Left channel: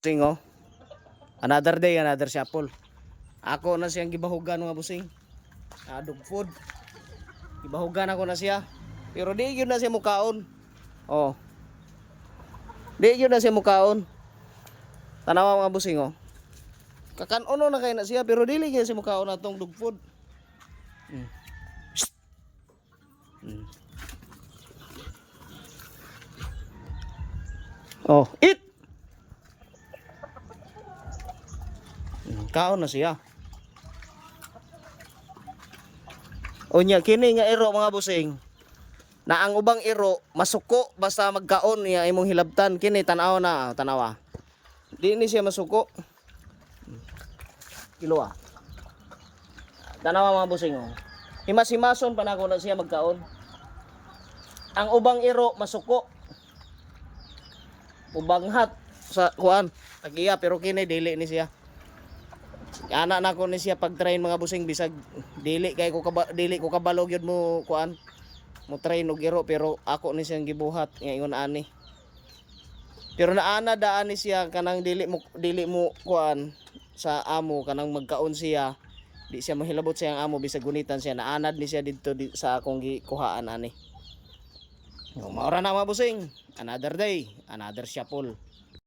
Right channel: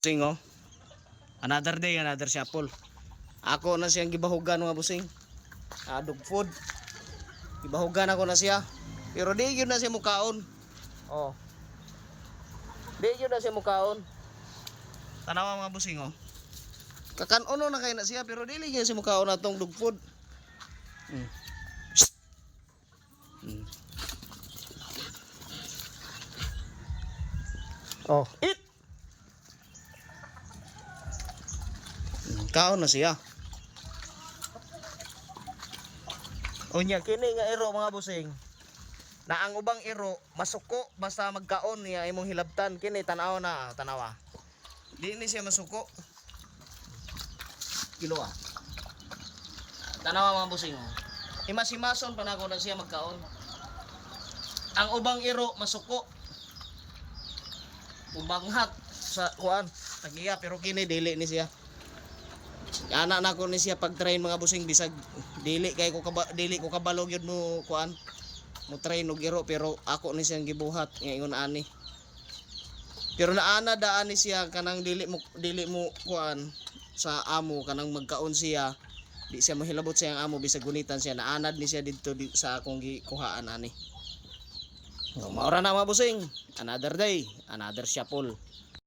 Busing oh. Another day, another shuffle. Ako na siyang gibahugan mga busing. Dog food. Gibahugan ako na siya. Pero di yun na siya mukaon. Oh. Di yun na siya mukaon. Tanawa mga busing oh. Kakanon na kay na siya pero dili gyud siya mukaon atong dog food. Oh, eat. Kaon na siya. Unya kini nga iro mga busing. Na ang ubang iro masuko basta magkaon niya imong hilabtan kini tan-aw na tanawa. Di ni siya masuko. Kilo ah. Tanawa mga busing oh. Himas-himason pa nako na siya magkaon. Ang ubang iro masuko. Ubanghat sa kuan. Tagiya pero kini dili ni siya. Ana na ko ni siya pag-train mga busing bisag dili ko kabalo gyud mo kuan. Mo train og iro pero ako ni siyang gibuhat ngayon ani. Pero naana daan ni siya kanang dili mo kuan sa amo kanang magkaon siya. Di siya mahilabot sa iyang amo bisag gunitan siya naanad ni siya didto sa akong gikuhaan ani. Maura na mga busing. Another day, another shuffle.